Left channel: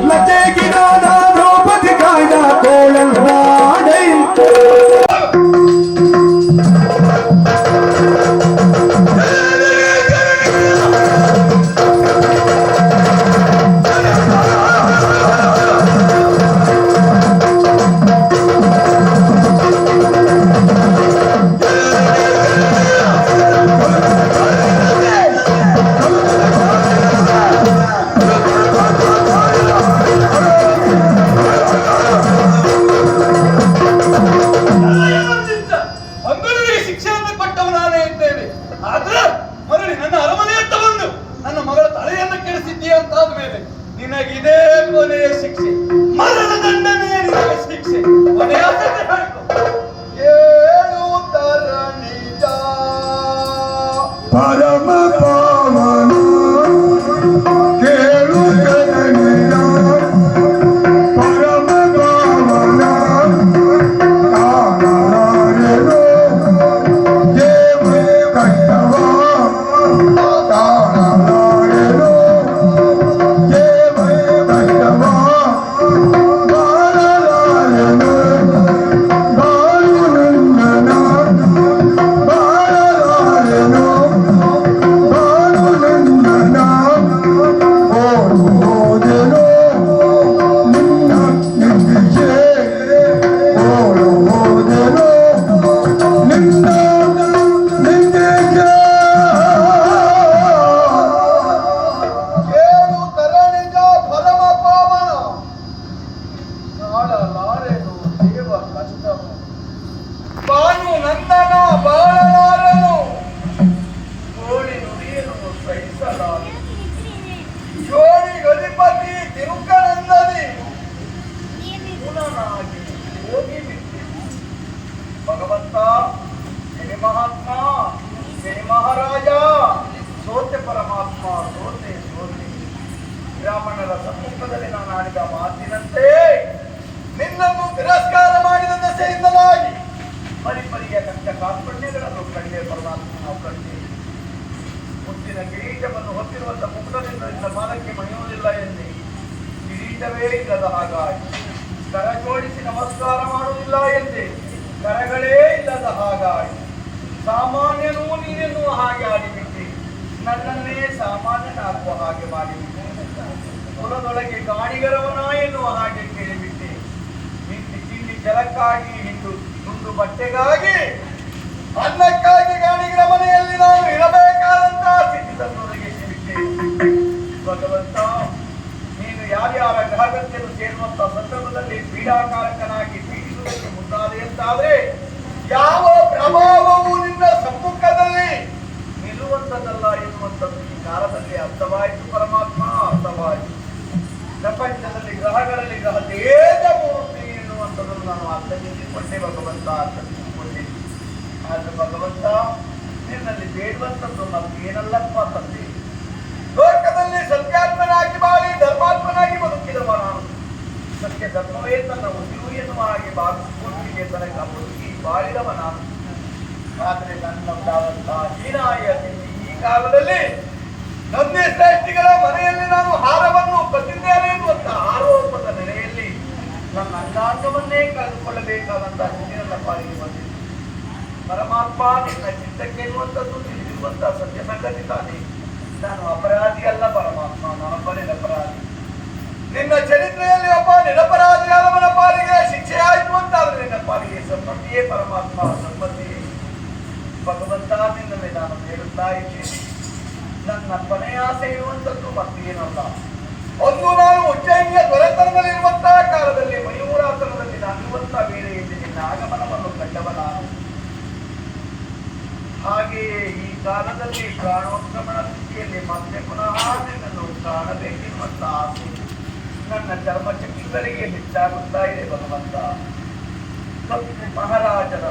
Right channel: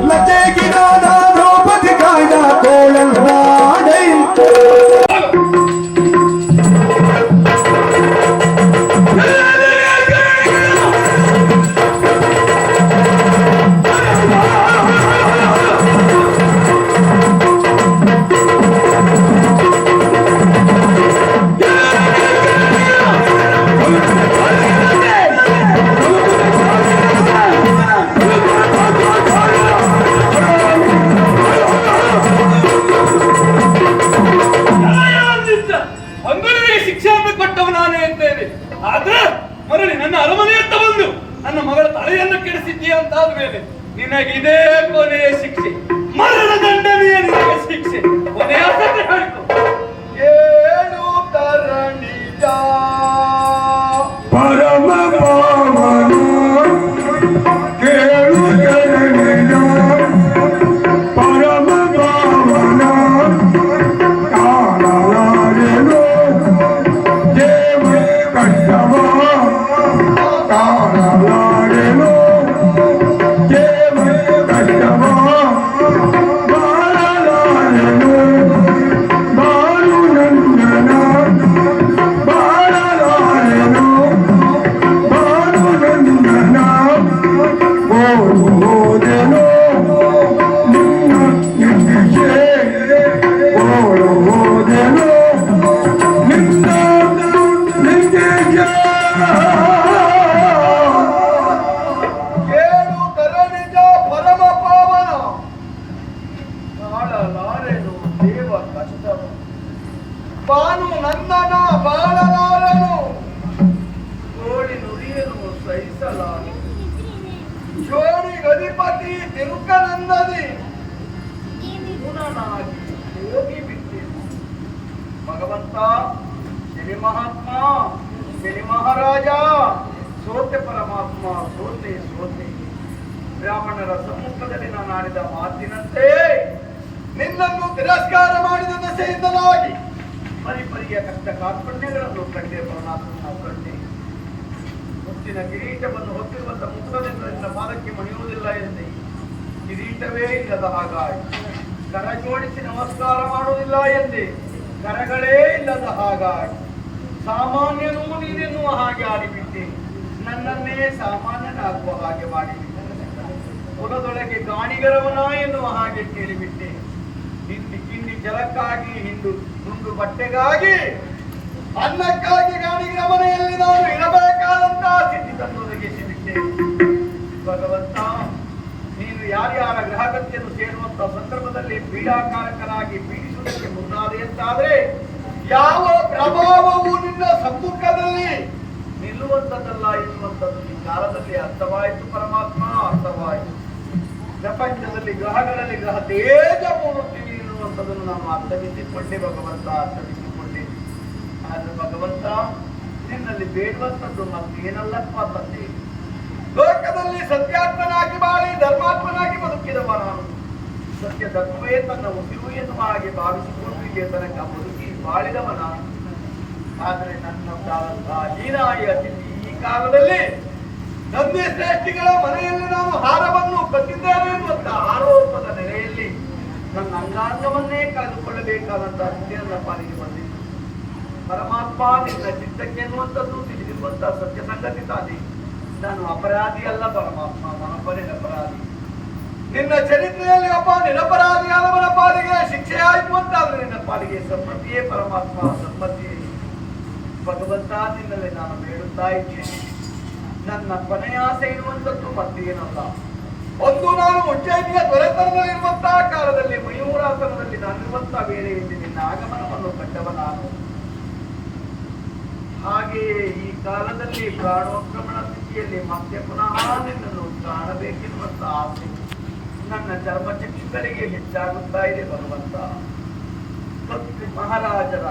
Let's take it on. ಅಂತೇಳಿ ಆದ್ರೆ ಮರಳಿ ನನ್ನ ಅರಮನೆಯತ್ತ ಬಂದು ನನ್ನ ಮಗಳ ತಲೆಯನ್ನು ಕೆಡಿಸಿದ್ದೀಯ ಅಂತಾದ ಮೇಲೆ ನಿನಗಿದೇ ಕೊನೆಯ ಶಿಕ್ಷೆ. ಮರಣ ದಂಡನೆಯ ಶಿಕ್ಷೆ. ಕೊನೆಯ ಹೇಳ್ಕೊ. ಗದಿಪತಿ ತಿರುಕನಂದನಿ ಮೂಲನಾಗಿ ಹೋಗಿ ಬಿಟ್ಟಿರು ಭಗವಂತ ಗಿರಿ ಮಹಾತ್ಮ ಗಿರಿ ಮಹಾರಾಜ ಸೋತೆ ಪರಮಾತ್ಮ ಸೋತೆ ಸೋತೆ ಬ್ರಾಹ್ಮಣರ ಸಮ್ಮುಖದಲ್ಲಿ ನಾನು ಆಡಿದ ಮಾತಿನಂತೆ ನಿನ್ನನ್ನು ತಿರಸ್ಕಾರ ಮಾಡಿದ ದೆಸೆಯಿಂದಲಾಗಿ ಪರಿಪರಿಯ ಕಷ್ಟ ಕಾರ್ಪಣ್ಯಗಳನ್ನು ಕಂಡೆ ಪರಮಾತ್ಮ ಕಂಡೆ ಮುತ್ತಿನ ಕಿರೀಟವನ್ನು ಹೊತ್ತಿರುವಂತಹ ಮುಕ್ತದಿಂದ ಪಾದಕ್ಕೆ ಮಣಿಯುವುದಿಲ್ಲ ಎಂದೇ ಕಿರೀಟವೇ ಇಲ್ಲದ ಹಾಗಾಯಿತು ಕರ ಜೋಡಿಸಿ ನಮಸ್ಕಾರ ಮಾಡುವುದಿಲ್ಲ ಎಂದೇ ಕರಗಳೇ ಇಲ್ಲದ ಹಾಗಾಯಿತು ಸಾಮಾನ್ಯನೂ ನೀನೆನ್ನುವ ಹಾಗೆ ಆಡಿಬಿಟ್ಟೆ. ನನ್ನನ್ನೇ ಸಾಮಾನ್ಯನಾಗುವ ಹಾಗೆ ಮಾಡಿಬಿಟ್ಟೆ ಕುಲದೊಳಗೆ ಗಾಣಿಗರವನ ಎನ್ನುವ ಹಾಗೆ ಕೇಳಿಬಿಟ್ಟೆ. ಹಿಂದಿ ಕಿಂಡಿ ಜಲಕ್ಕಾಗಿ ಹಿಂದು ತುಂಡು ಬಟ್ಟೆಗಾಗಿ ಅನ್ನಕ್ಕಾಗಿ ಗಾಣಿಗರ ಮನೆಯಲ್ಲಿ ನಾನು ಇರಬೇಕಾದಂತ ಸ್ಥಿತಿಯನ್ನು ಒದಗಿಸಿಬಿಟ್ಟೆ ಭಗವಂತ, ನೀನು ಯಾರ್ಯಾರ ಗ್ರಹಗತ್ಯನ್ನು ಸೇರುವಂತಹ ಸಂದರ್ಭದಲ್ಲಿ ಪೀಡಾಕಾರಕನಾಗಿ ಪೀಡಿಸುವುದಕ್ಕೆ ಮುಂದಾದೆ ಅಂತಾದ್ರೆ, ಯಾವ ಪ್ರಭಾವವು ನಿನ್ನ ಸಮ್ಮುಖದಲ್ಲಿ ನಿಲ್ಲುವಂತದ್ದಲ್ಲ ಎನ್ನುವಂಥದ್ದು ಈ ಕಾಲದಲ್ಲಿ ಅರ್ಥವಾಯಿತು, ಪರಮಾತ್ಮ, ಅರ್ಥವಾಯಿತು. ಪ್ರಪಂಚದಲ್ಲಿ, ಗ್ರಹಗಳಲ್ಲಿ ಗ್ರಹ ತೇಜ ಮೂರ್ತಿ ಎನ್ನುವಂಥದ್ದನ್ನು ನಾನು ಅರ್ಥವಿಸಿಕೊಂಡೆ ಭಗವಂತ ಅರ್ಥವಿಸಿಕೊಂಡೆ ಆದ್ರೆ ಭಗವಂತ, ನಿನ್ನಲ್ಲಿ ಬೇಡುವಂಥದ್ದು ಮತ್ತೆ ಏನಲ್ಲಪ್ಪ ತಂದೆ ಲೋಕದಲ್ಲಿ ಸತ್ಯಾತ್ಮನಾಗಿ ಬಾಳಿ, ಧರ್ಮಾತ್ಮನಾಗಿ ಬದುಕಿದವ ನಾನು. ಸತ್ಯ ಧರ್ಮವೇ ತನ್ನ ಉಸಿರು ಎನ್ನುವ ಹಾಗೆ ಇಲ್ಲಿಯ ತನಕ ಬದುಕಿ ಬಾಳಿದವ ನಾನು. ಆದ್ರೆ ನನ್ನಂತಾದಂತಹ ಹೀನಾಯ ಈ ಕಾಲದಲ್ಲಿ ನಂದಿ ಶ್ರೇಷ್ಠಿಗಳ ಮನೆಯಲ್ಲಿ ನಾನು ಹಾರವನ್ನು ಕಟ್ಟಿದ್ದೇನೆ ಎನ್ನುವಂತಹ ಆರೋಪದ ನೆಲೆಯಲ್ಲಿ ನನ್ನ ಅಂಗಾಂಗವನ್ನೇ ಕಳೆದುಕೊಳ್ಳಬೇಕಾದಂತಹ ನನ್ನ ಪಾಲಿಗೆ ಪರಮಾತ್ಮ ನಿನ್ನ ಚಿತ್ತಕ್ಕೆ ಎನ್ನುವಂಥದ್ದು ತಿಳಿದಿರುವಂತಹ ಸತ್ಯ ಸಂಗತಿ ತಾನೆ. ನಾನು ಅಪರಾಧಿ ಅಲ್ಲ ಪರಮಾತ್ಮ ನಾನೊಬ್ಬ ನಿರಪರಾಧಿ ನಿನ್ನ ಚರಿತ್ರೆಯಲ್ಲಿ ಒಬ್ಬ ನಿರಪರಾಧಿಯಾದವನ ಪಾಲಿಗೆ ಶಿಕ್ಷೆ ಆಯಿತು ಅಂತಾದ್ರೆ ನಿನ್ನ ಪಾಲಿಗೆ ಸಂಪತ್ತಿಯೇ ಪರಮಾತ್ಮ ಸಂಪತ್ತಿಯೇ ಭಗವಂತ ನಿನ್ನಲ್ಲಿ ನಾನು ಹೇಳುತ್ತಾ ಇದ್ದೇನೆ. ನನ್ನ ಕೊನೆಯ ಆಸೆ ಇರುವಂತದ್ದು ಮತ್ತೇನಲ್ಲ ಒಂದು ನಾನು ಉಜ್ಜಯಿನಿಯ ದೊರೆತನದಲ್ಲಿರುವಂತಹ ಕಾಲದಲ್ಲಿ ಮಯೂರಾಸನದಲ್ಲಿ ನಾನಿರುವಂತಹ ವೇಳೆಯಲ್ಲಿ ನಿನ್ನ ಆಗಮನವನ್ನು ಕಂಡವ ನಾನು ಹಾಗೆಯೇ ಈ ಕಾಲದಲ್ಲಿ ಪ್ರಾಣೋತ್ಕ್ರಮಣ ಸ್ಥಿತಿಯಲ್ಲಿ ಮತ್ತೆ ಪುನಃ ನಿನ್ನನ್ನು ಕಾಣಬೇಕೆನ್ನುವಂತ ಆಸೆ ನನ್ನ ಚರ್ಮಚಕ್ಷುಗಳಿಗೆ ಹೆಚ್ಚಾಗುತ್ತಾ ಇದೆ, ಭಗವಂತ. ಕತ್ತಿ ಮಹಾರಾಜರ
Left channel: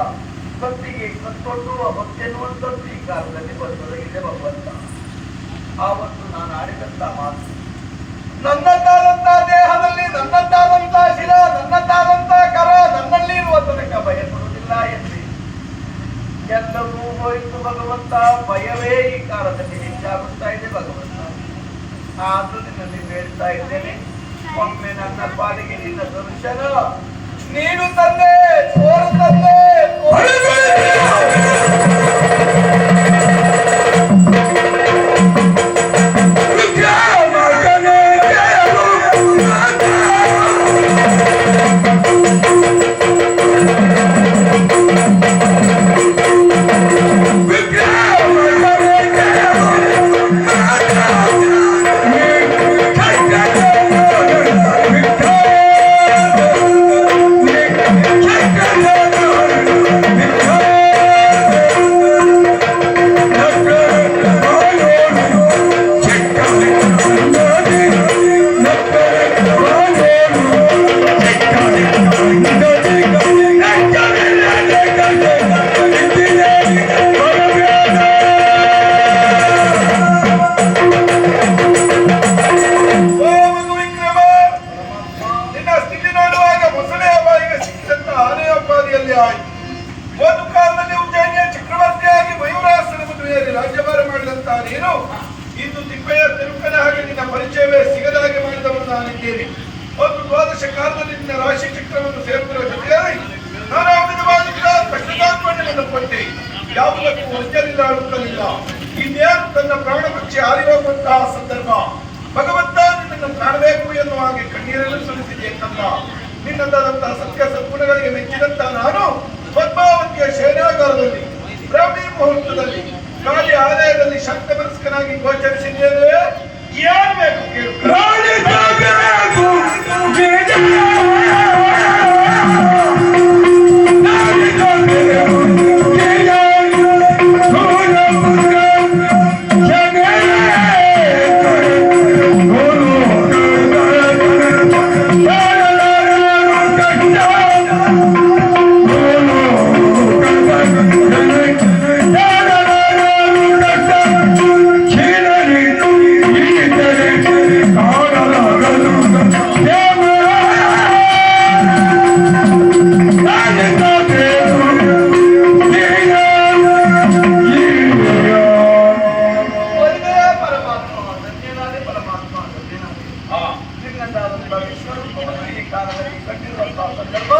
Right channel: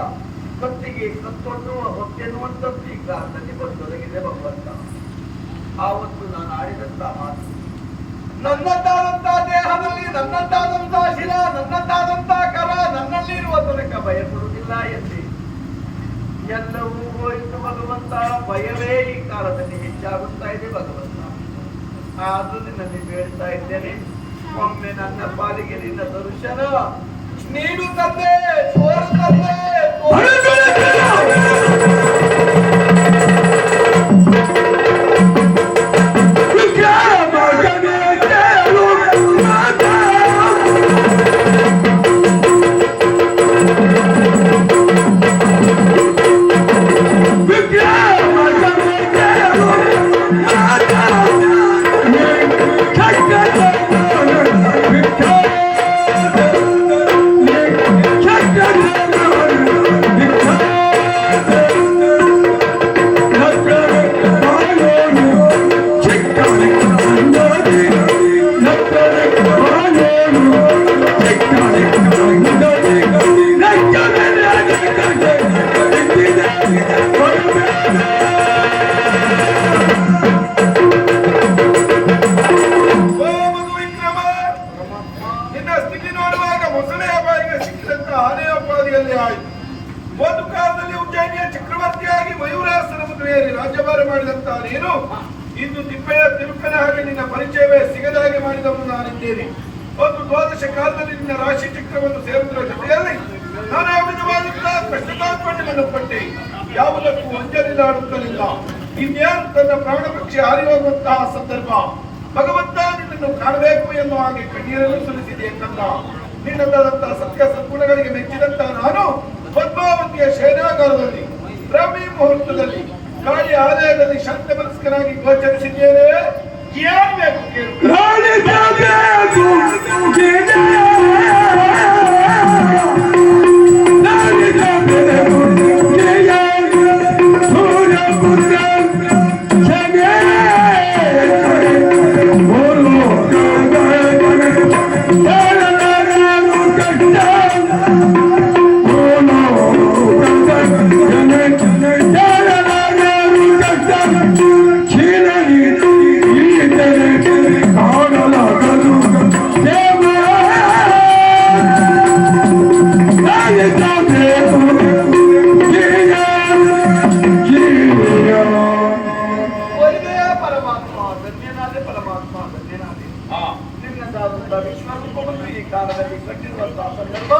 ಕತ್ತಿಗೆ ಕತ್ತೊಡ್ಡುವ ಹೊತ್ತೆನ್ನುವಂಥದ್ದು ಈ ಕಾಲದಲ್ಲಿ ಬಂದೊದಗಿದೆ ಭಗವಂತ. ಆವತ್ತು ನಾನು ಆಡಿದಂತ ಮಾತು. ನನ್ನದ್ದಾದಂತ ದೇಹದಲ್ಲಿ ನನ್ನದ್ದಾದಂತ ಶಿರ ನನ್ನದ್ದಾದಂತ ಕರ ನನ್ನಲ್ಲಿ ಇರುವ ತನಕ ಬಯಸುವುದಿಲ್ಲ ಎಂದೆ ಎಲ್ಲವೂ ಹೋಯಿತು ಭಗವಂತ. ಭಯವೇ ಈ ಕಾಲದಲ್ಲಿ ಹೆಚ್ಚಾಗುತ್ತಾ ಇದೆ ಭಗವಂತ. ಆದ್ರೂ ನಿನ್ನಲ್ಲಿ ಹೇಳ್ತಾ ಇದ್ದೇನೆ. ಒಮ್ಮೆ ನನ್ನ ಪಾಲಿಗೆ ನಿನ್ನ ದರ್ಶನ ನೀನು ತಂದೆ ತೋರು ತಂದೆ. ಮಾಡಿದಂತ ನೀನು ಇಂದು ತಿಪ್ಪೆಯ ತಿರುಪನ ಹಾಗೆ ನಿನ್ನ ಪರಿಚಯವೇ ಸಿಗದ ಹಾಗೆ ಮಾಡಿದವನು ನಾನಿದ್ದೇನೆ ಒಂದು ದ್ವಾದಶ ಕಾಲದಲ್ಲಿ ನಿನ್ನ ರಾಶಿ ಚಕ್ರವನ್ನು ಸೇರುವುದರ ಜೊತೆಯಲ್ಲಿ ನಾನಾ ವಿಧವಾದ ಕಷ್ಟಕಾತ್ಮಣ್ಣನ್ನು ಪಟ್ಟೆ ಯಾವುದಕ್ಕೂ ಒಂದಲ್ಲಿ ಆಡುತ್ತಲಿಲ್ಲ ಇನ್ನೇನು ತನ್ನ ಪ್ರಾಣ ಪಕ್ಷಿ ಹಾರಿಹೋಗುವಂತಹ ಸಂದರ್ಭ? ಭಗವಂತ ನಿನ್ನನ್ನು ಕಾಣಬೇಕು ಎನ್ನುವ ಹಾಗೆ ಕಣ್ಣೀರನ್ನು ಸುರಿಸಿದೆ ಕಂದ ನಿನ್ನದಾದಂತಹ ಸತ್ಯ ಸದ್ಗುಣಗಳಿಗೆ ಮೆಚ್ಚಿದಂತಹ ನಾನು ಪದ್ಮಾವತಿಯ ಶಯನಾಗಾರದಲ್ಲಿ, ಬ್ರಾಹ್ಮಿ ಮುಹೂರ್ತದಲ್ಲಿ ಗಾಳಿ ಆಲಯದಲ್ಲಿ ಶಕ್ತ ಮನಸ್ಕನಾಗಿ ಗೋಚರಿಸಿದ್ದೇನೆ ಏನು ಬೇಕು ಕೇಳು. ನಿನ್ನದಾದಂತಹ ವಿಶ್ವರೂಪವನ್ನು ಈ ಕಾಲದಲ್ಲಿ ಕಂಡಿರುವಂತಹ ಸಂದರ್ಭ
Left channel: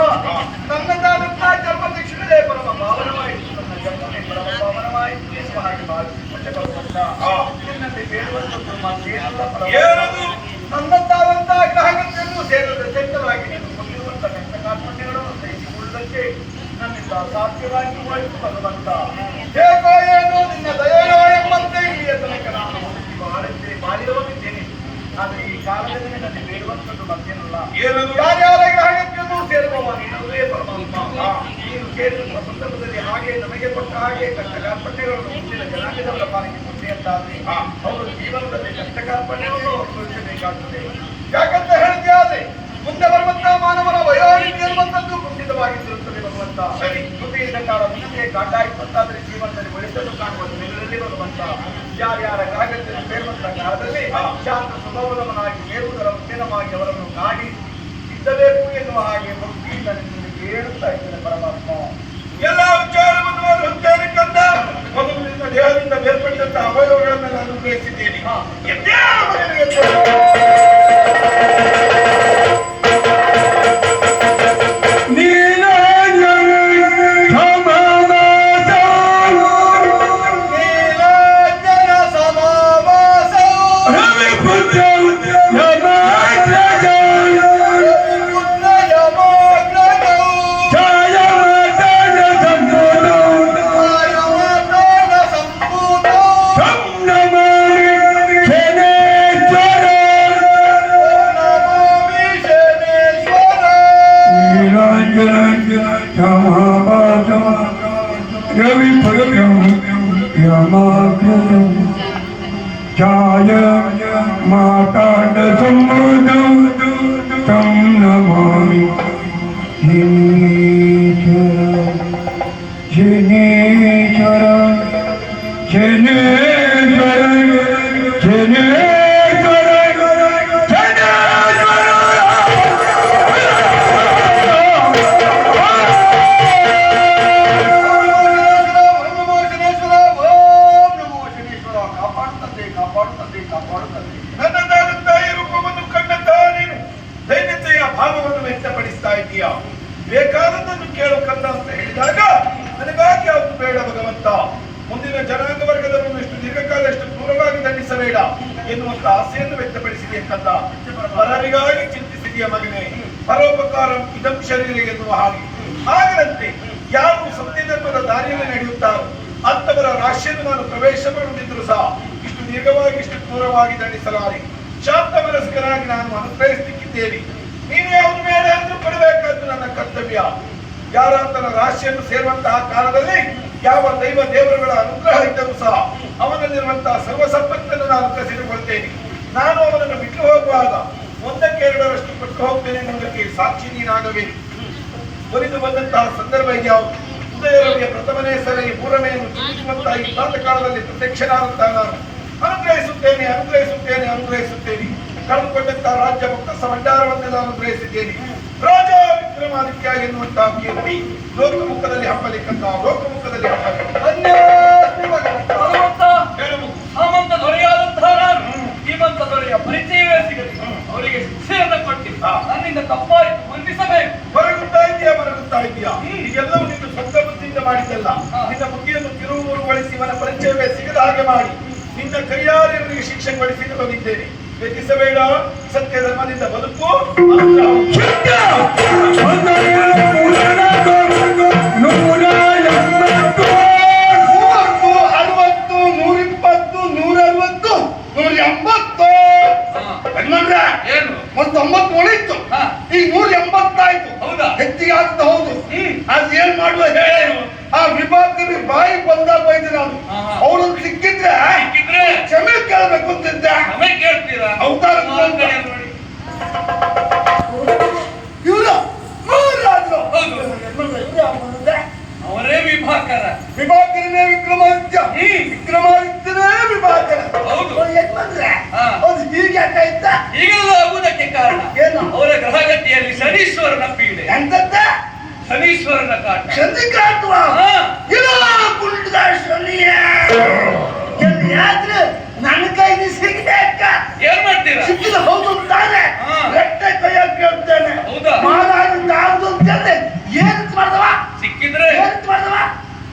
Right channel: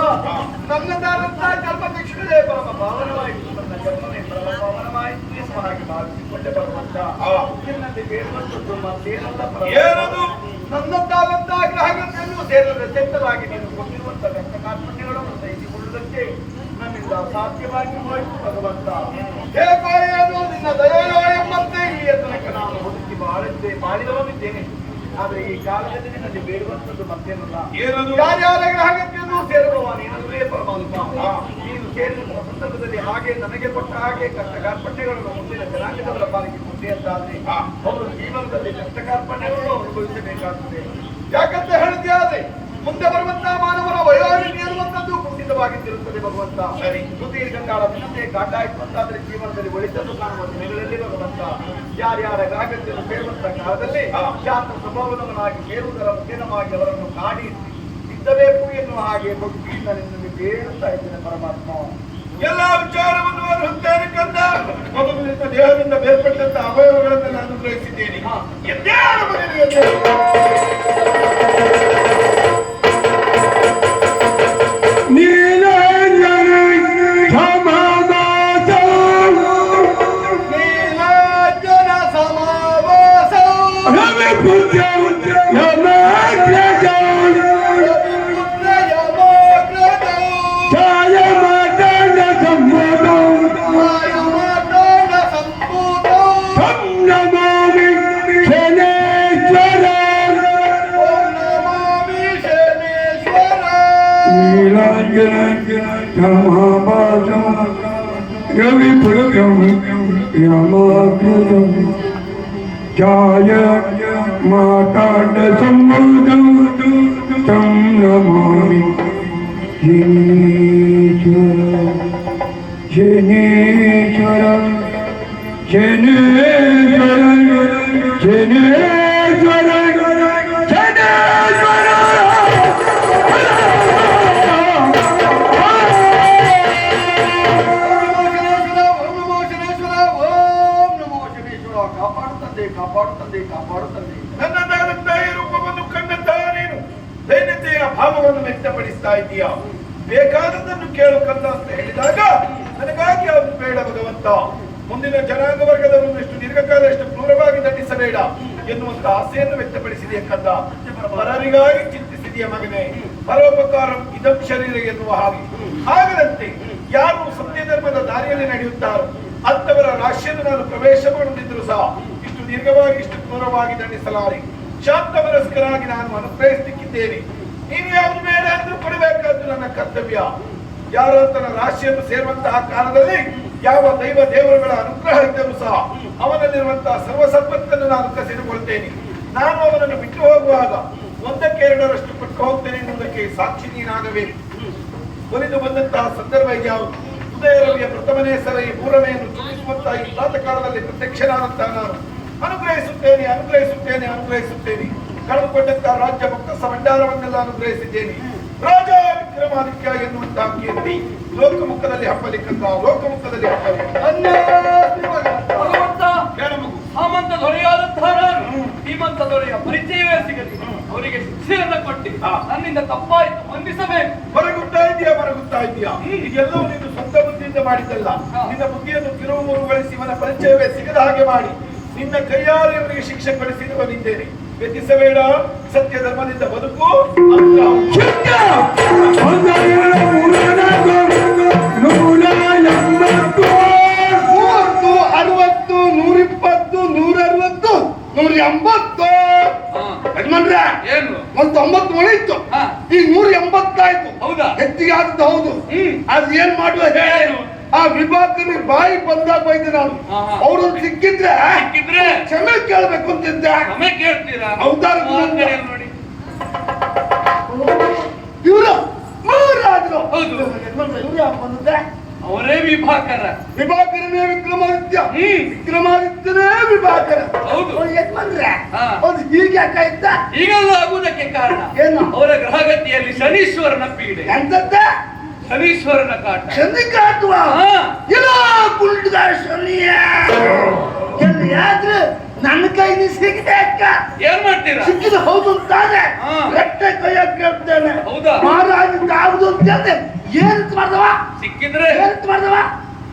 ನನ್ನದಾದಂತಹ ಜನ್ಮ ದಕ್ಷಿಣವೇ ಪರಮ ಪಾವನವಾಯಿತು ತನ್ನ ಜನ್ಮವೇ ಪರಮ ಪಾವನವಾಯಿತು ಎನ್ನುವ ಹಾಗೆ ಭಾವಿಸಿಕೊಂಡೆ ಭಗವಂತ ನಿನ್ನಲ್ಲಿ ಬೇಡುವಂಥದ್ದು ಮತ್ತೇನಲ್ಲ ಗ್ರಹಗಳನ್ನು ಸೇರಿದ ಚಂದವಾಗಿ ನೀನು ಕೊಟ್ಟಿರುವಂತಹ ನನ್ನಿಂದ ಅಸಾಧ್ಯವಾಗಿ ಹೋಯಿತು ಭಗವಂತ ಹೇಗೋ ಏನೋ ನಿನ್ನ ದಯೋ ಎಂಬಂತೆ ಇಲ್ಲಿಯ ತನಕ ನಾನು ಹುಡುಕಿ ಬಾಳಿದ್ದೆ ಬಾಳಿದವನಿದ್ದೇನೆ. ಆದರೆ ಈ ಕಾಲದಲ್ಲಿ ನಿನ್ನಲ್ಲಿ ಬೇಡುವಂಥದ್ದು ಮತ್ತೇನಲ್ಲ ಏನದು? ಯಾರ್ಯಾರ ಗ್ರಹಗಳನ್ನು ಸೇರುವವ ನೀನಲ್ಲೇ ಪರಮಾತ್ಮ ನೀನು ಸೇರಿದಂತಹ ಸಂದರ್ಭದಲ್ಲಿ ಹಾಗೆ ನನಗೆ ಕೊಟ್ಟ ಹಾಗೆ ಕಷ್ಟ ಕಾರ್ಪಣ್ಯಗಳನ್ನು ಮುಂದಿನ ಜನಾಂಗದವರ ಪಾಲಿಗೆ ಮುಂದೆ ಅಂತಾದ್ರೆ. ಅವರು ಜೀವನದಲ್ಲಿ ಕಷ್ಟ ಕಾರ್ಪಣ್ಯವನ್ನು ಅನುಭವಿಸಬೇಕಾಗುತ್ತದೆ ಯಾಕಂತ ಹೇಳಿದ್ಯಾದ್ರೆ ಮುಂದೆ ಬರುವಂತಹ ಮಾನವನ ವಯೋನಿಧಿ ಎನ್ನುವಂಥದ್ದು ಕುಂಠಿತವಾಗಿದ್ದಿರುತ್ತದೆ ಭಗವಂತ ಸರಿ. ಸುದೀರ್ಘ ಕಾಲ ಮುಂದೆ ಕಾಟ ಅಂತಾದ್ರೆ ಜೀವನದಲ್ಲಿ ಒಳಿತನ್ನು ಕಾಣುವ ದಿನಗಳಲ್ಲಿ ಯಾರ್ಯಾರ ಗ್ರಾಹಕರಿಗೆ ಸೇರುವಂತ ಕಾಲದಲ್ಲಿ. ಶಾಂತ ಸ್ವಭಾವದವನಾಗಿ ಸೇರುವುದರ ಉದ್ಯಮವಾಗಿ ಅವರನ್ನು ಕಾಡಿ ಇದ್ದಬೇಕು ಎನ್ನುವ ಹಾಗೆ ಭಕ್ತಿಯಿಂದ ನಿನ್ನಲ್ಲಿ ಕೇಳುತ್ತಾ ಇದ್ದೇನೆ ಪರಮಾತ್ಮ ಎಲ್ಲ ವಿಚಾರವನ್ನು ಅವರು ಹೊಂದೇನೆ ಕಂದ ಮೊದಲು ನಿನ್ನ ದೇಹದಿಂದ ಬೇರ್ಪಟ್ಟಂತ ನಾನು ಶನೇಶ್ವರ ಕಾಪಾಡು ತಂದೆ ಕಾಪಾಡು ತಂದೆ ಕಾಪಾಡು ತಂದೆ ನನ್ನದಾದಂತ ಈ ರೂಪವನ್ನು ಕಂಡಂತ ನೀನು ದೈನ್ಯತೆಯ ಭಾವವನ್ನು ವ್ಯಕ್ತಪಡಿಸ್ತಾ ಇದೀಯಾ ಬೇಕಾದದನ್ನು ಕೇಳಕಲ್ಲ ಅಂತ ಹೇಳಿದಾಗ ನನಗಾಗಿ ಯಾವುದು ಭಗವಂತ ಮುಂದಿನ ಜನಾಂಗ ವರ್ಗದವರನ್ನು ಎಷ್ಟು ದೀರ್ಘಕಾಲ ಎಷ್ಟು ದೂರವಾಗಿ ದಂಡಿಸಬೇಡ ಎನ್ನುವಂತ ಆಸೆಯನ್ನು ವ್ಯಕ್ತಪಡಿಸಿದೆ ಕಲ್ಲ ಪರರಿಗಾಗಿ ಚಿಂತಿಸಿದೆಯ ಮಗನೇ? ಪರೋಪಕಾರ ಇದಂ ಶರೀರ ಎನ್ನುವ ಹಾಗೆ. ಹಾಗರಂತೆ ಯಾರು ಸತ್ಯ ಧರ್ಮದ ದಾರಿಯಲ್ಲಿ ನಡೆಯುತ್ತಾರೋ ಅಂತವರ ರಾಶಿಯನ್ನು ನಾನು ಪ್ರವೇಶ ಮಾಡುತ್ತಿದ್ದರೂ ಸಹ ಇಷ್ಟು ದೀರ್ಘವಾಗಿ ಇಷ್ಟು ದೂರವಾಗಿ ದಂಡಿಸಲಾರೆ. ಶಾಂತ ಮನಸ್ಕರಾಗಿ ನಾನು ಅನುಗ್ರಹಿಸಿಕ್ಕಿದ್ದೇನೆ ನೀನು ಯಾವುದು ಬೇಡ ಎಂದು ಕೊಡಬೇಕಾದ್ದು ನನ್ನ ಕರ್ತವ್ಯ. ಯಾರ ತನ್ನ ರಾಶಿಯನ್ನು ಸೇರುವಂತಹ ಕಾಲದಲ್ಲಿ ಯಾವ ದೈವ ದೇವರುಗಳ ಅನುಗ್ರಹ ಇದ್ದರೂ ಸಹ ಅವನಲ್ಲಿರುವಂತಹ ಸರ್ವ ಸಂಪತ್ತನ್ನು ನಾನು ಕಸಿದುಕೊಳ್ತೇನೆ. ನಾನು ಅವನನ್ನು ಬಿಟ್ಟು ಹೋಗುವಾಗ ಒಂದಕ್ಕೆ ಎರಡರಷ್ಟು ಕೊಟ್ಟು ಹೋಗ್ತೇನೆ ಎನ್ನುವುದಕ್ಕೆ ಸಾಕ್ಷಿ ನೀನಾಗಬೇಕು. ಒಲಿದು ಬಂದಂತಹ ಸಂದರ್ಭ ಯಾವುದು ಉದಯ ರವಿಯ ಪ್ರಥಮನೇ ಸರಿ ಮೂರನೆಯನ್ನು ಚಿಂತಿಸುವಂತಹ ಈ ಪ್ರಾತ ಕಾಲದಲ್ಲಿ ಪ್ರತ್ಯಕ್ಷನಾದಂತಹ ನಾನು ಅನುಗ್ರಹಿಸುತ್ತೇನೆ ಅನುಗ್ರಹಿಸುತ್ತೇನೆ ಅನುಗ್ರಹಿಸುತ್ತೇನೆ. ಕಳೆದುಕೊಂಡಂತಹ ರಾಜ್ಯ ಭಕ್ತ ಸಂಡಾರವನ್ನೆಲ್ಲ ಅನುಗ್ರಹಿಸಿದ್ದೇನೆ. ರಾಜ ವಿಕ್ರಮಾದಿತ್ಯ ಎನ್ನುವಂತಹ ಕೀರ್ತಿ. ಲೋಕಮುಖದಲ್ಲಿ ಹಬ್ಬಲಿಕ್ಕಂತ ಲೋಕಮುಖದಲ್ಲಿ ಸಾಮಂತ ದೊರೆಯಾದಂತಹ ಶ್ರೀಮಂತ ದೊರೆಯ ಪರಿಚಯವೇ ಸಿಗಲಿ. ಅವರಿಗೆ ಶಿಕ್ಷೆಯನ್ನು ಕೊಟ್ಟಿ ನನ್ನಿಂದ ತಪ್ಪಾಯಿತು ಹೊಂದಿಸಬೇಕು ಹೊರಗುತ್ತಾ ಇದೆಯಾ ಹೊರಗುತ್ತಾ ಇದೆಯಾ ಈಗೆಲ್ಲವೂ ನೀನು ಸ್ವಂತ ಬುದ್ಧಿಯಿಂದ ಮಾಡಿದ್ದಲ್ಲ. ನಿನ್ನ ಬುದ್ಧಿಯನ್ನು ತಿರುವು ಮುರುಗೊಳಿಸಿ ಇವನ ಪರಿಚಯವೇ ಸಿಗದ ಹಾಗೆ ಮಾಡಿ. ನಿನ್ನ ಕೈಯಾರೆ ಶಿಕ್ಷೆ ಕೊಡಿಸಿದ್ದು ಬಂದಿದ್ದೇನೆ. ವ್ಯತಿಸಬೇಡ ಸತ್ಯ ಧರ್ಮದಿಂದ ಬದುಕು. ಮೂವತ್ತು ಅರವತ್ತು ನೂರಿಪ್ಪತ್ತು ನೂರ ಅರವತ್ತು ನೂರ ಎಂಬತ್ತು ಯಜಮಾನ್ರ ಏನು? ಒಂದ್ ಇತ್ತು. ಈಗ ನೂರ ಎಂಬತ್ತಾಯ್ತು ಹೌದಾ? ಹೆಚ್ಚಿಗೆ ಆಗ್ತಾ ಹೌದು. ಹ್ಮ್. ಅದ್ ಏನ್ ಮಾಡುವ ಹೇಳು. ಆ ವಿಭಾಗದಲ್ಲಿ ಬಾಯಿ ಬಂದಾಗ ಹೋಯ್ತು ನಾನು. ಅವ್ರು ಸಿಕ್ಕಿದ್ರೆ ಸಿಕ್ಕಿದ್ರೆ ಕ್ಷಮೆ ಕೇಳಬೇಕು ಅಂತಿದ್ದೆ ಕೇಳ್ತೀರಾ? ಇವರು ಮಹಾರಾಜರು. ಅವರೇ ವಿಭಾಕರ. ವಿಭಾಕರನೇ ವಿಕ್ರಮಾದಿತ್ಯ. ವಿಕ್ರಮಾದಿತ್ಯನೇ ವಿಭಾಕರ. ಹೌದು. ಹಾ. ಅದು ಹೀಗೆ ಯಾಕಾಯ್ತ ಈಗೆಲ್ಲ ಆಗುವುದಕ್ಕೆ ಕಾರಣ. ಏನು? ಅವರ ಗ್ರಹಗತಿಯಲ್ಲಿ ಶನೀಶ್ವರನ ಪೀಡೆ. ಎಂತದ್ದೆ? ಶನೀಶ್ವರನ ಕಾಟ. ಶನಿ ಕಾಟುವ? ಹಾ. ಇಲ್ಲ ಕುಂಟದ ಶನಿಯ ಎಲ್ಲಿಯಾದ್ರೂ ನನ್ನ ಕೈ ಸಿಗಿದೆ ಅಕ್ಕ. ಏನ್ ಮಾಡ್ತೀರಾ? ಸಿಕ್ಕಿದ ಹೌದು ತಾನೆ. ಎಟ್ಟೆ ಕೈಯ ಕೇಳ್ತೇನೆ ಹೌದಾ? ಮಹಾರಾಜ ಯಾವ್ದು ಅಂತೇನೆ. ಏನ್ ಮಾಡ್ದವ? ಸಿಕ್ಕಿದ್ರೆ? ಏನ್ ಮಾಡ್ದವ?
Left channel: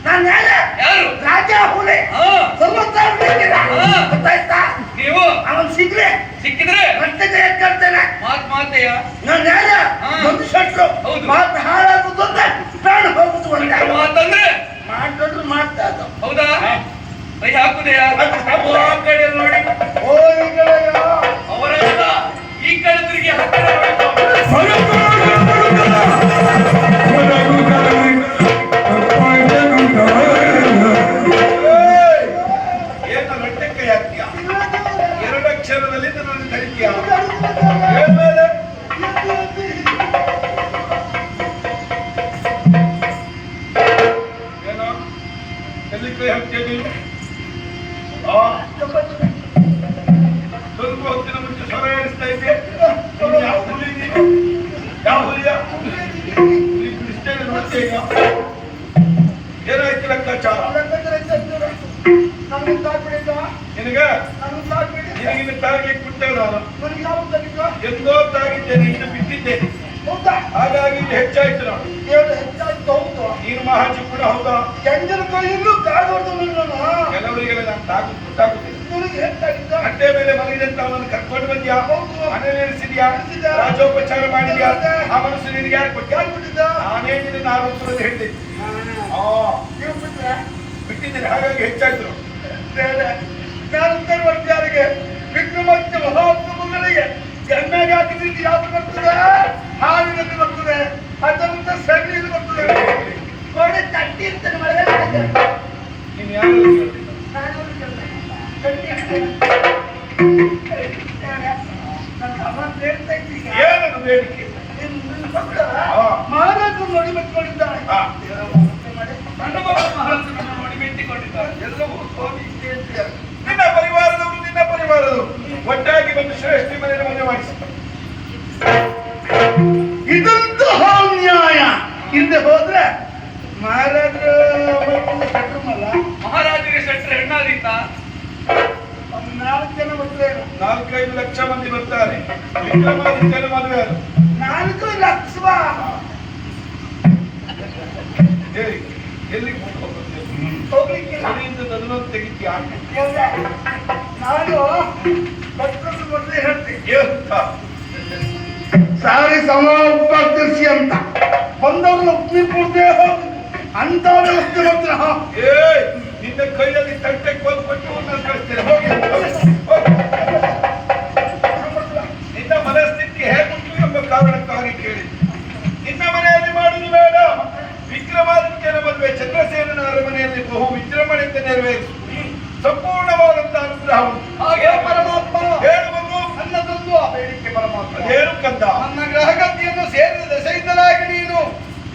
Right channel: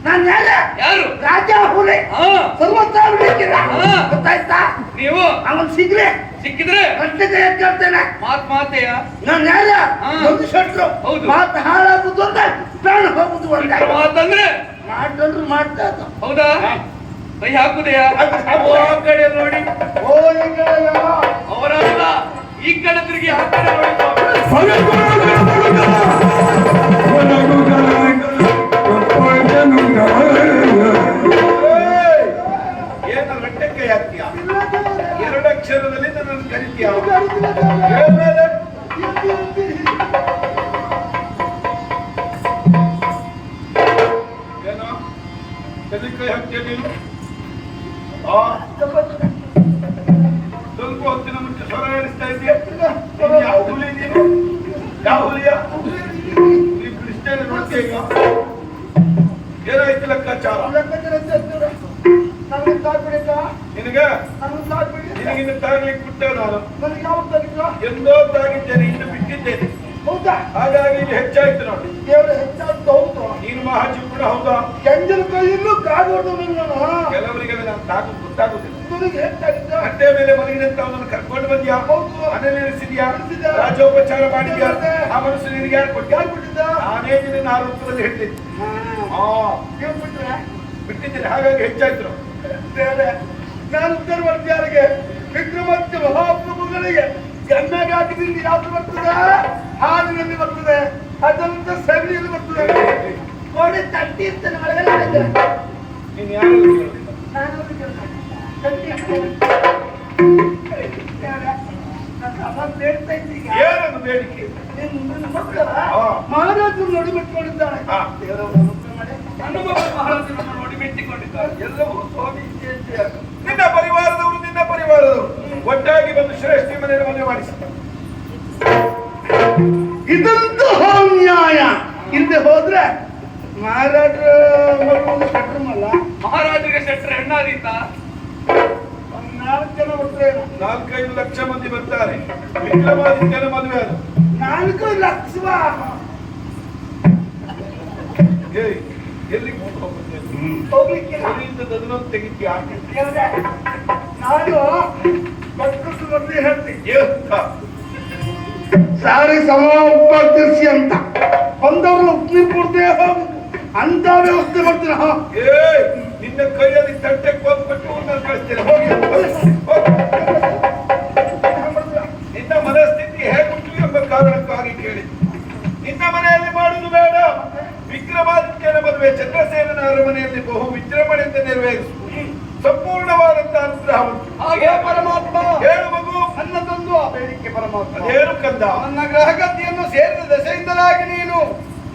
ನಾನು ಯಾರೇ ಯಾರು? ರಾಜ ಹುಲಿ. ಸರ್ವತಾರು. ಗೊತ್ತಾಯ್ತಾ? ನೀವು? ಅವನ್ ಸಿಗ್ಲಿ. ಸಿಕ್ಕಿದ್ರೆ? ಕೇಳ್ತೇನೆ? ಮಾತ್ ಮಾತೆಯ. ನಾನು ಯಾರ ಒಂದು ಶೆಟ್ರು ಹೌದು. ಮಾತು ಹಾಳಾಗುದು ಅಂತ ಪ್ರಾಣ ಹೋಗುದು ಮಾತಂದ್ರೆ? ಮಾಡ್ತಾ ಇದ್ದ ಹೌದಾ? ಕೈ ಹಾಕುದೆಯಾ? ಆ ಕಡೆ ನೋಡಿ. ಓ ಈಗ ಅವರಲ್ಲ. ಈ ಕಡೆ ತಿರುಗಿ ಆ ಬಿಟ್ಟೆ ನಾನು ಎಂದೋ ತಾಗಿದ್ದೇನೆ ಇನ್ನು ಬಿಟ್ಟಿದ್ದೇನೆ ಹಾಗಾಗಿ ಇದು ಹೆಚ್ಚಾಯ್ತು ನಾನು ನೀನು ಮಹಾಜಿ ಕೂಡ ಹೌದಾ ಕೆಲವರಿಗೆಲ್ಲ ನಾನು ತಾಗು ಗೊತ್ತಾಗುತ್ತಿಲ್ಲ ಅಡ್ಡೆ ಮೇಲೆ ಮಲಗಿದಂತ ಅವನನ್ನು ಕರ್ಕೊಂಡು ಬಂದ್ಯಾ? ಮನೇಲಿ ಇರಿಸಿದ್ಯಾ ರಾಜೋಪಚಾರ ಮಾಡಿದ್ಯಾ? ಆ ಮನಸ್ಸು ನಿನಗೆ ಯಾರು ಕೊಟ್ಟ ನಾನೇ ನಿನ್ನ ಆರೋಪದಲ್ಲಿ ಹೇಳಿದ್ದೆ ಹಾ. ಬಿಟ್ಟಿದ್ದೀನಿ ಹಾಗಾಗಿ ಹೆಚ್ಚಾಯ್ತು. ನಾನು ವಿಕ್ರಮಾದಿತ್ಯ ಮಹಾಪ್ರಭುಗಳಿಗೆ ಎಮ್ಮೆಗೆ ಹಾಕಿದ್ರೆ ಯಾವ್ದು ಬರ್ತದೆ? ಹಾವಿನಲ್ಲಿ ಬರ್ತದೆ ಅದರಿಂದ ಸಗಣಿಯಲ್ಲಿ ಬರ್ತದೆ. ಕೋಣೆ ತಟ್ಟಿ ಮಳೆಗಾಲ ನೀನು ಯಾರು ಏನದು ಬೇಡಿಕೆ ಹಾ. ಮಹಾರಾಜರು ನೋಡಿ ಮಕ್ಕಳಿದ್ದಾಳೆ ಹಾ. ನನ್ನ ಮಗಳು ಮಹಾರಾಜರನ್ನು ನೋಡಿ ಮೆಟ್ಟಿಕೊಂಡಿದ್ದಾರೆ ಎಲ್ಲವೂ ಸ್ವಾಮಿ ಇಚ್ಛೆಯಂತೆ. ನಿನ್ನ ಪರಿವಾರದವರು ನಿನ್ನ ಪರಿವಾರದವರು ಒಟ್ಟಾಗಿ ಬಂದು ಶ್ರೇಷ್ಠ ಮನೆಯ ಮನೆ ಮಾಡಿಸಿ ಇದಂತೂ ನ್ಯಾಯ. ಹಿಂದೆ ಹೋದ್ರೆ ಮಹಾರಾಜರು ಕಟ್ಟಮಲ್ಲ? ಮಹಾರಾಜರಿಗೆ ಶೆಟ್ರ ಹೆಣ್ಣಾದಿಂದ ಒಂದು ನಾಲ್ಕು ಜನ ಬರ್ತಾರೆ ನಾಲ್ಕೈದು ಲಕ್ಷ ಮಂದಿ ಬರ್ತಾರೆ. ವಿಕ್ರಮಾದಿತ್ಯನ ಮದುವೆ ನಾಲ್ಕು ಲಕ್ಷ. ಎಲ್ಲಿ ಹೋಗ್ಲಿಕ್ಕೆ ತೆಗಿತೀಯ? ಸಾರಿ ಸಮ ಉಪಕೃಷಿ ಅಂತ. ಬಂದವರು ಹೋಗಿ ಅಂತವ್ರೆ ಉತ್ತಿ ಕೊಡ್ತೀರ ಏ ನಿನ್ನ ಕೈಯಲ್ಲಿ ತಟ್ಟೆ ಕೋಲ್ ಕೊಟ್ಟು ನಾನು ಹೋಗಿ. ನಿನ್ನ ಮನಸ್ಥಿತಿ ಹೇಗುಂಟು ಎಂಬ ಕಾರಣಕ್ಕಾಗಿ ಕೇಳಿ. ನಿನ್ನ ಮನೆಯಲ್ಲಿ ಮಾಡುವುದು ಬೇಡ. ವಿಕ್ರಮಾದಿತ್ಯನ ಮದುವೆ ಚಂದ್ರಸೇನನ ಅರಮನೆಯಲ್ಲಿ ಬಹು ವಿಜೃಂಭಣೆಯಿಂದ ನೆರವೇರಿಸು ಸಂಪೂರ್ಣವಾದಂತ ಅನುಗ್ರಹ ಹಾಗೆ ಪರಮಾತ್ಮ ಹೇಳುವುದು ಮಗು. ತಂದು. ಆ ಬೇಡಿಕೆ ಪರಮಾತ್ಮ ಹೇಳು ಕಂದ. ನನ್ನ ಗ್ರಹಗತಿಯನ್ನು ಸೇರಿದ ದಶೆಯಿಂದಲಾಗಿ ನೀನು.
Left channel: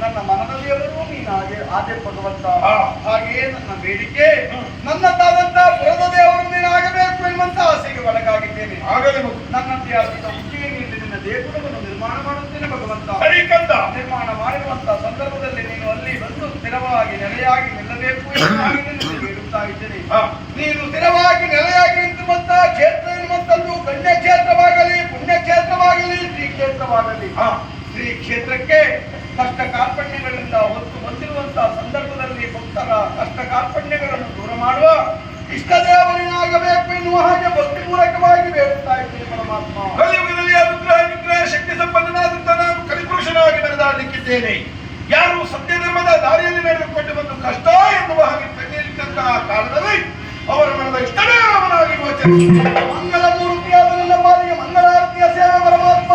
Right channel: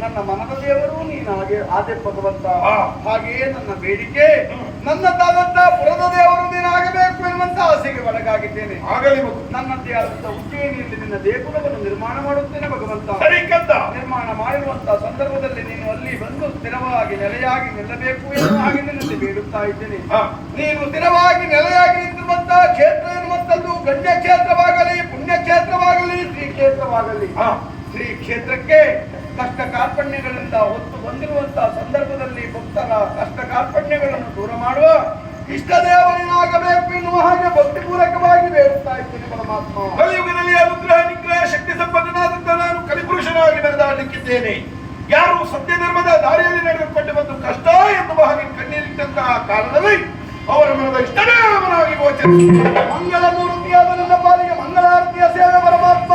ನನ್ನ ಮನದಲ್ಲಿಯವರು ನೀನು ಹಾಗೆ ಆದೆ ಭಗವಂತ. ಹಾಗೆಯೇ ನನ್ನ ಬೇಡಿಕೆ. ನನ್ನದಾದಂತಹ ಪುರದ ದೇವರು ನೀನು ಆಗಬೇಕು ಎನ್ನುವಂತ ಆಸೆಗೆ ಒಳಗಾಗಿದ್ದೇನೆ. ಆಗಲಿ ನನ್ನಂತೆ ಆದಂತ ಉಜ್ಜಯಿನಿಯಲ್ಲಿ ನಿನ್ನ ದೇಗುಲವನ್ನು ನಿರ್ಮಾಣ ಮಾಡುತ್ತೇನೆ ಭಗವಂತ ಸರಿಕಂದ ನಿರ್ಮಾಣ ಮಾಡಿರುವಂತಹ ಸಂದರ್ಭದಲ್ಲಿ ನೀನು ಅಲ್ಲಿ ಬಂದು ಸ್ಥಿರವಾಗಿ ನೆಲೆಯಾಗಿ ನಿಲ್ಲಬೇಕು ಎಂದು ಬೇಡುತ್ತಾ ಇದ್ದೇನೆ. ನೀನು ಸ್ಥಿರವಾಗಿ ನೆಲೆಯಾಗಿ ನಿಂತಿರುವಂತ ಕ್ಷೇತ್ರ ಎನ್ನುವಂಥದ್ದು ಗಣ್ಯ ಕ್ಷೇತ್ರವಾಗಲಿ ಪುಣ್ಯ ಕ್ಷೇತ್ರವಾಗಲಿ ಶ್ರೀ ಕ್ಷೇತ್ರವಾಗಲಿ. ಶ್ರೀ ಕ್ಷೇತ್ರಕ್ಕೆ ಕಷ್ಟ ಕಾರ್ಪಣ್ಯಗಳಿಂದ ಹೊತ್ತು ಬಂದಿರುವಂತಹ ಸಂದರ್ಭದಲ್ಲಿ ಭಕ್ತರ ಕಷ್ಟ ಕಾರ್ಪಣ್ಯಗಳನ್ನು ದೂರ ಮಾಡುವ ಇಷ್ಟ ದೇವರನ್ನಾಗಬೇಕು ಎನ್ನುವ ಹಾಗೆ ಭಕ್ತಿಪೂರ್ವಕವಾಗಿ ಬೇಡುತ್ತಾ ಇದ್ದೇನೆ ಪರಮಾತ್ಮ ಕಲಿಯುಗದಲ್ಲಿ ಅನುಗ್ರಹ ನಿಗ್ರಹ ಶಕ್ತಿ ಸಂಪನ್ನನಾದಂತ ನಾನು ಕಲಿಪುರುಷನಾಗಿ ಮೆರೆದಾಡಲಿಕ್ಕಿದ್ದೇನೆ ಯಾರು ಸತ್ಯ ಧರ್ಮದ ದಾರಿಯಲ್ಲಿ ನಡೆದುಕೊಂಡು ಬಂದು ಕಷ್ಟ ಎನ್ನುವ ಹಾಗೆ ಕಣ್ಣೀರಿಟ್ಟಂತಹ ಕಾಲದಲ್ಲಿ ಅವರ ಮನದ ಇಷ್ಟನೇ ಅವನಾಗಿ ಗೋಚರಿಸಿದ ಮಂಗಲ ಮೂರ್ತಿಯಾದ ನನ್ನ ಪಾಲಿಗೆ ಮಂಗಳಾರತಿಯ ಸೇವೆ ಪರಮಾತ್ಮ.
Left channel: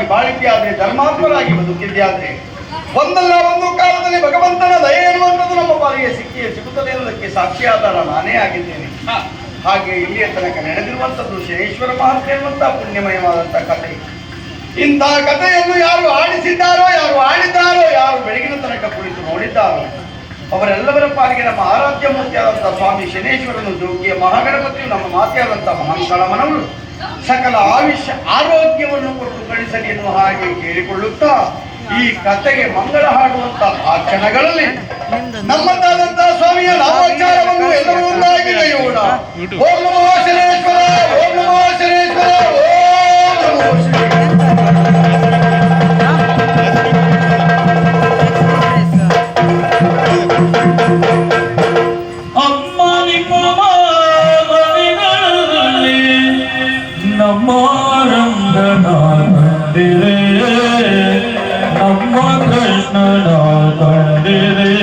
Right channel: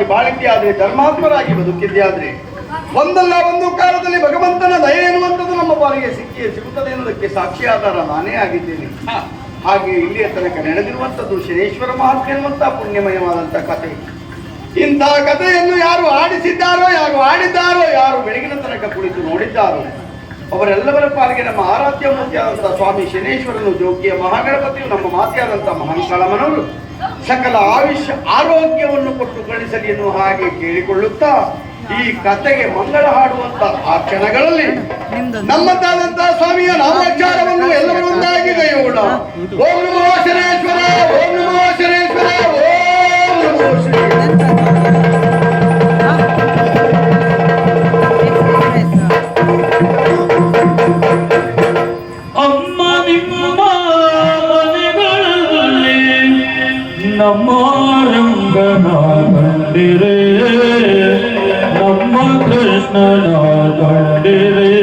ಸತ್ಯಾರ್ಥರಾಗಿ ಬಾಳಿದ್ಯಾದ್ರೆ ಧರ್ಮಾತ್ಮರಾಗಿ ಬದುಕಿದ್ಯಾದ್ರೆ ಒಂದಲ್ಲ ಒಂದು ಕಾಲದಲ್ಲಿ ಭಗವಂತನ ದಯ ಎನ್ನುವಂಥದ್ದು ನಮ್ಮ ಬಾಲಿಗೆ ಸಿಕ್ಕಿಯೇ ಸಿಗುತ್ತದೆ ಎನ್ನುವುದಕ್ಕೆ ಸಾಕ್ಷಿಯಾಧಾರ ನಾನೇ ಆಗಿದ್ದೇನೆ. ಹಾಗೆ ಇಲ್ಲಿಯ ತನಕ ನಡೆದಿರುವಂಥದ್ದು ಶನೇಶ್ವರ ಮಹಾತ್ಮೆ ಎನ್ನುವಂತಹ ಪುಣ್ಯಮಯವಾದಂತಹ ಕಥೆ. ಇಂತಹ ಕಥೆಯನ್ನು ಯಾರು ಆಡಿಸಿದ್ದಾರೋ ಯಾರು ಆಡಿದ್ದಾರೋ ಯಾರು ಬೆಳಗಿನ ತನಕ ಕುಳಿತು ನೋಡಿದ್ದಾರೋ ಅವರೆಲ್ಲವರ ಪಾಲಿಗೆ ನಮ್ಮ ಆರಾಧ್ಯ ಮೂರ್ತಿಯಾದಂತಹ ಸ್ವಾಮಿ ಶನೇಶ್ವರನು ಜೋಗಿಯ ಮಹಾಗಣಪತಿಯು ನಮ್ಮ ಮಾತೆಯಾದಂತಹ ಮಹಾಂಕಾಳಮ್ಮನವರು ಸಕಲ ಆಯುಷ್ಯ ಆರೋಗ್ಯವನ್ನು ಕೊಟ್ಟು ಗಳಿಸಲಿ ಎನ್ನುವ ಹಾಗೆ ಕೇಳಿಕೊಳ್ಳುತ್ತಾ ಈ ಕಥೆಗೆ ಮಂಗಳ ಹಾಡುವಂತ ಆ ಕ್ಷಣಗಳಲ್ಲಿ ನಮ್ಮದಾದಂತಹ ಸ್ವಾಮಿಯ ನಾಮಾಚಾರವನ್ನು ಎಲ್ಲರೂ ಒಂದಾಗಿದೆ ಓಂ ನಮೋ ಓಂ ನಮೋ ಓಂ ನಮೋ ಅಮ್ಮ ನಿಮ್ಮ Namah Krishna Namah Dere